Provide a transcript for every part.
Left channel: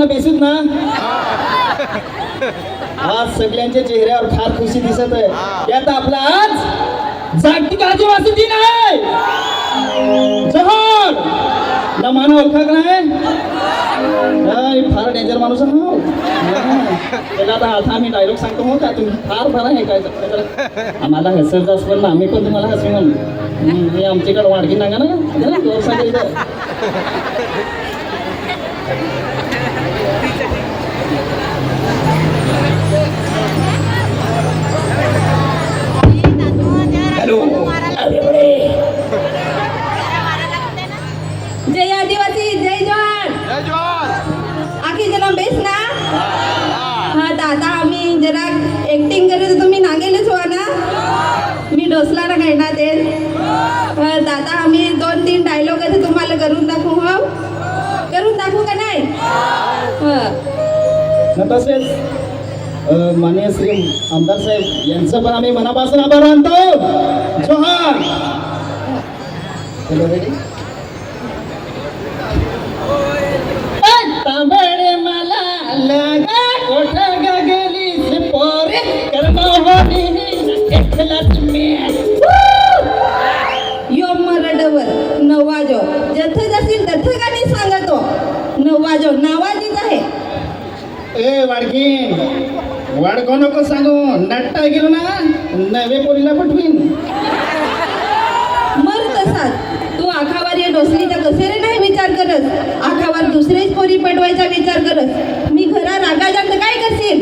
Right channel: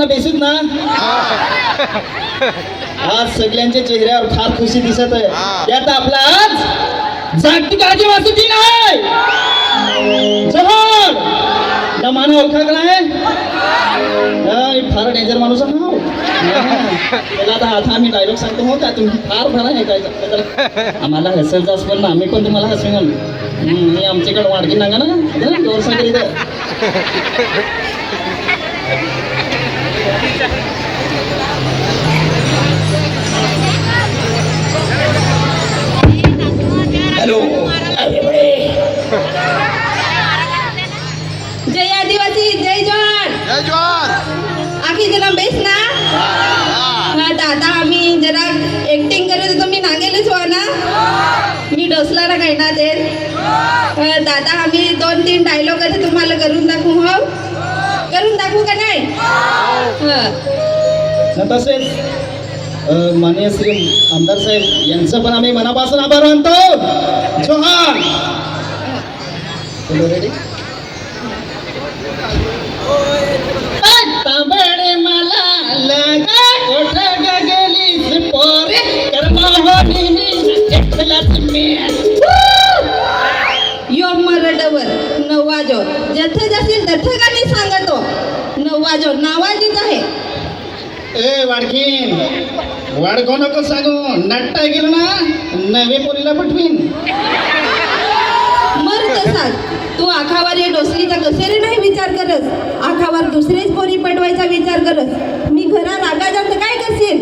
ना बेसूत ना. आज सगळ्यांच्या चेहऱ्यावर फार खुशी दिसत आहे. त्यात आपला आज जागतिक आदिवासी दिन आहे. जोहार ना मानव ओळखा का नाही. फार डेंजर माणूस आहे त्याला आता आता आम्ही डायलॉग सांगतो हो का तुम्ही फार बरं आहे काय आम्हाला हसायचं असं ना आम्ही पण तुम्हाला हसू मी आमच्याकडे वाडकी नागा ना जोरसाठी इथं. हॅलो जय आदिवासी जय जवान. जय जवान. आखी जरा बेस ना. हा दादा आम्ही जरा ऍक्टिंग करत तुम्ही नागेलच व्हा ना. मी डोसला ना काय ना ते दादा आम्ही 2-3 डायलॉग असे तुम्हाला करून दाखवू. हो करून दाखवू का नाही. तसेच माननीय श्री आमदार साहेब यांचं पण आम्ही मनापासून आभार मानतो. जोहार. तांबडे मला लगा कोठ गेलीस पोरे कर्महोनी एकलाच मी. यो मरडवर नवाजो जथे जाशील तथे गाणी सांगतो. नवाजो नावाजीच आहे. ए वाडकीन वाडको नको सांगू नाट्टा गेलो ना नवे पोरीला पटवीन. मर तसाच तू आखावर ये डोसलीचा कसे रे नाही विचार करत. आखावर दुसरीच पोरी पटवायचा विचार करत. मी घरा रागा जास्त काय करशील.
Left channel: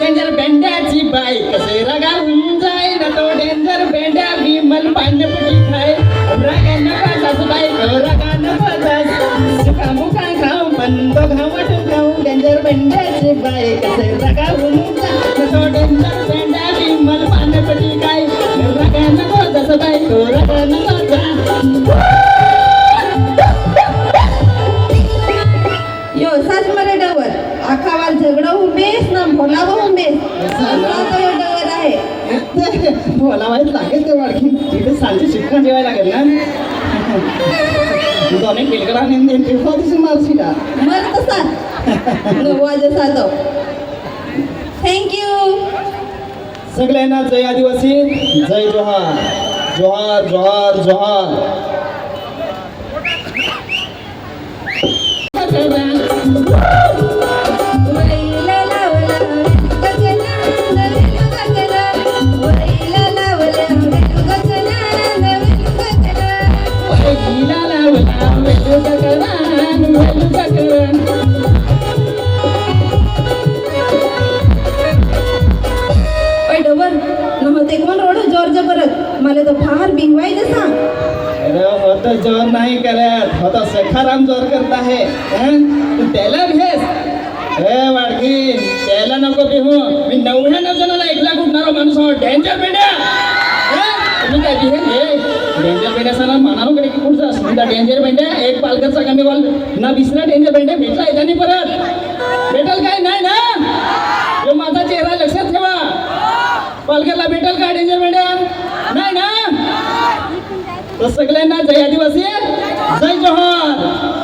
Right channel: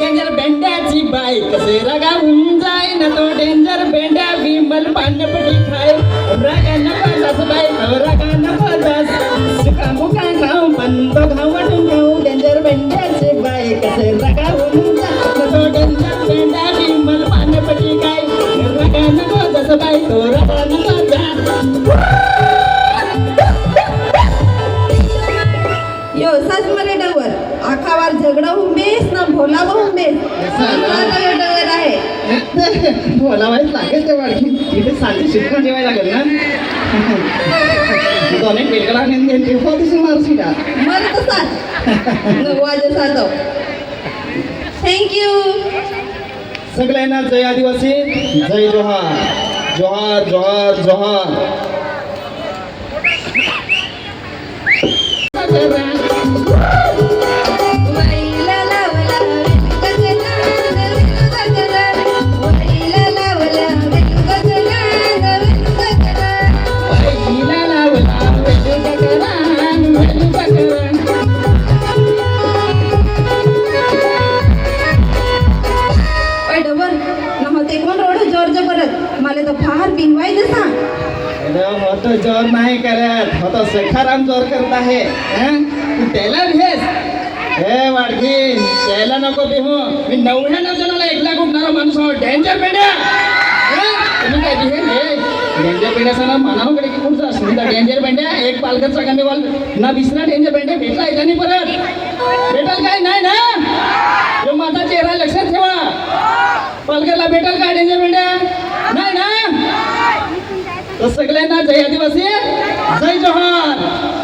डेंजर बेंड्याची बाई कसे रगावून जाय न तो डेंजर बेंड्या विमल पांडपटी खाय रगा नका जास बाई रगा नका जास सुका मुका खाऊ बंद खाऊ वाटून खाऊ डेंजर बेंड्याची बाई कसे रगावून जाय न तो डेंजर बेंड्या विमल पांडपटी खाय रगा नका जास बाई रगा नका जास. यो सास मरे डवर आखावर झगडा हुंबेस ना भोला हुंबेस डवर आहे. बोलावायच लागेल ते वाडकी तिथे साली शिकवण जेवायला लागेल ना. दोन्ही टेकडा मारशी का मर तसाच नवाज साधव. थँक्यू. सगळ्यांना जय आदिवासी जय जोहार. जोहार जोहार जोहार. मला तर फार बिनवायचं सांग. मोठं जोर नाही करत होता सखाराम जोर करत आहे. त्याला भेस हे वाडकी त्याला नको भेहू. मी 99 जणाला 1 लाख उठणारा माणूस आहो. डेंजर पेड्या तुम्ही काय हे डेंजर पेड्या सणा मानाकडे की कुठचा सुद्धा डेंजर पेंड्या एक पालघरचा कमी वाल ना विसरा डेंजर पेंड्या भेटला येता नाही परत भेटल काय नाही ना. जो माझा चेहरा लक्षात ठेवा. पालघरला भेटल काय डेंजर पेंड्या नाही ना. तर सगळ्यांना जय आदिवासी जय जोहार.